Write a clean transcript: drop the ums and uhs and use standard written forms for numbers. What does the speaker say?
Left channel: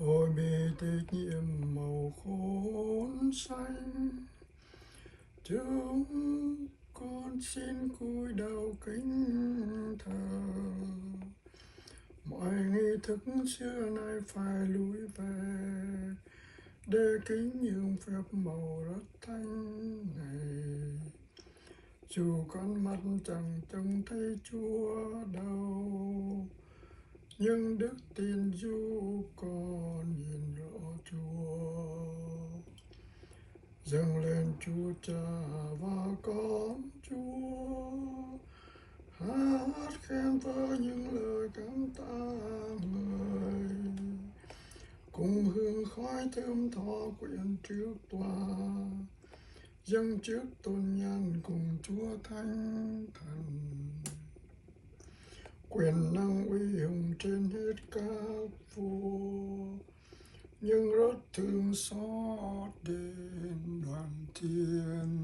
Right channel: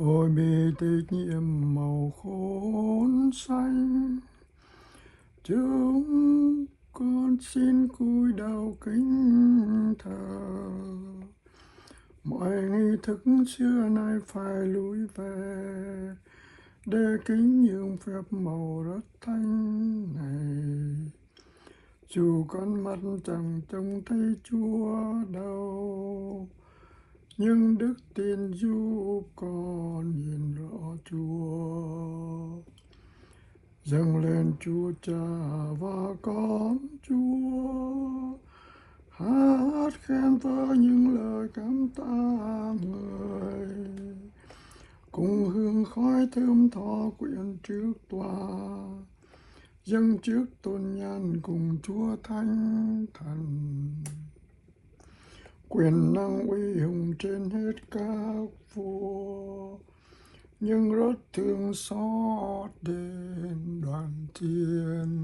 Ôi bi tịch nhiệm màu khốn xanh, chúng con xin cúi đầu kính thờ. Mọi nghi thức xưa nay phải lùi về, để kính nhường phép màu đất thánh này. Dù con mắt chẳng trông thấy Chúa đâu, nhưng đức tin giúp con nhìn rõ Chúa. Dâng lên Chúa Cha và con Chúa, hát khen với những lời cảm tạ người, cùng hương khói thơm tho quyện trước tòa, dâng trước tôn nhan cùng Chúa Thánh Thần. Quyền năng uy hùng trên hết các vua, nhưng rất thương xót đến đoàn thiên